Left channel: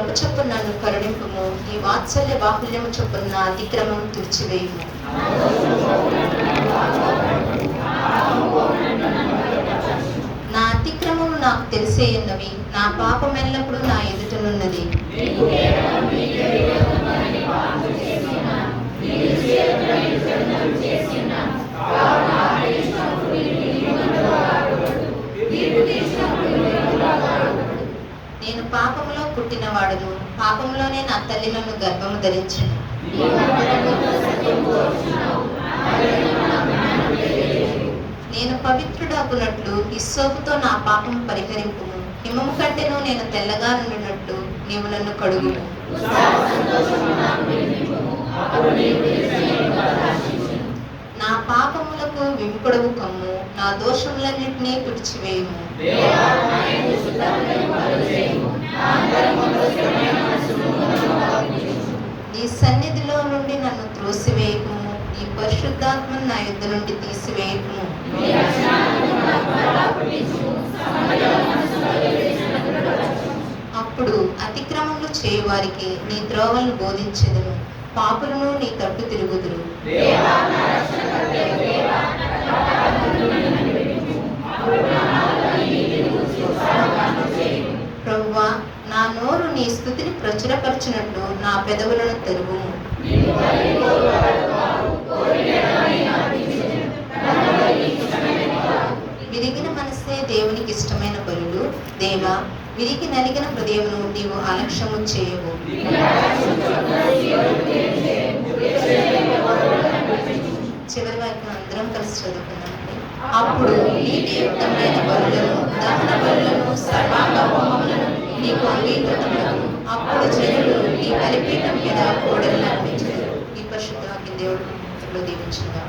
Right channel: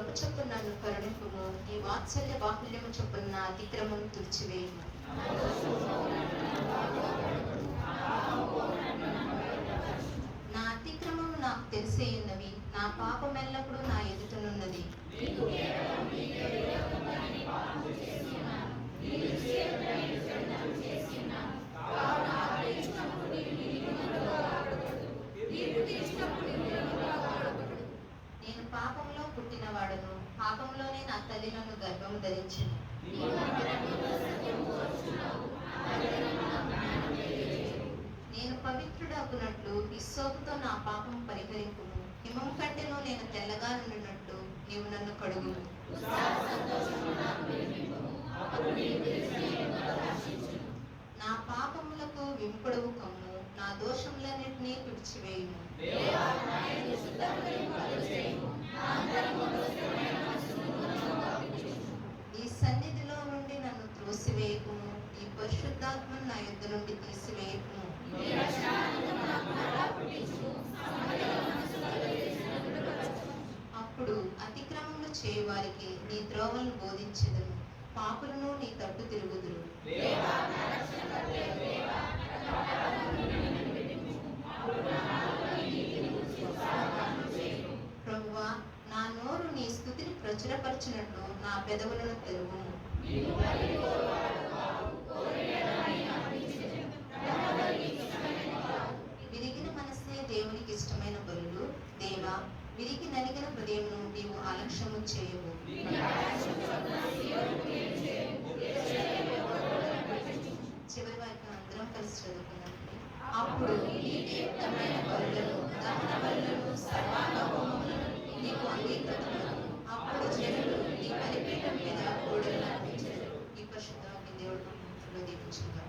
కృప చొప్పున నన్ను కరుణింపుము, నీ వాత్సల్య బాహుల్యము చొప్పున నా అతిక్రమం తుడిచివేయుము. నా అతిక్రమము నాకు తెలిసేయున్నవి, నా పాపం ఎల్లప్పుడూ నా ఎదుటనున్నది. నేను పాపములో పుట్టినవాడును, పాపములోనే నా తల్లి నన్ను గర్భము ధరించెను. నేను పవిత్రుడగునట్లు హిస్సోపుతో నా పాపం పరిహరింపుము, హిమము కంటేను నేను తెల్లగా నుండినట్లు నీవు నన్ను కడుగుము. నా పాపములకు విముకుడవు కమ్ము, నా దోషములన్నిటినీ తుడిచివేయుము. నీ సన్నిధిలో నుండి నన్ను త్రోసివేయకుము, నీ పరిశుద్ధాత్మను నా యుద్ధ నుండి తీసివేయకుము. అప్పుడు అతిక్రమములు చేయువారికి నీ త్రోవలను బోధించెదను, పాపులను నీ తట్టు తిరుగుదురు. ప్రభువా, నా నోరు నీ స్తుతిని ప్రచురపరచునట్లు నా పెదవులను తెరువుము. విరిగిన మనసే దేవునికి ఇష్టమైన బలులు, దేవా విరిగి నలిగిన హృదయమును నీవు అలక్ష్యము చేయవు. చివరి వైపు అందరం కలిసి చదువుకున్నామండి. అప్పుడు నీతియుక్తమైన బలులను, దహన బలులను, సర్వాంగ హోమములను నీకు అంగీకృతములను. అప్పుడు జనులు నీ బలిపీఠం మీద కోడలు అర్పించారు. ఈ పరిశుద్ధ దేవుడు దీవించుగా.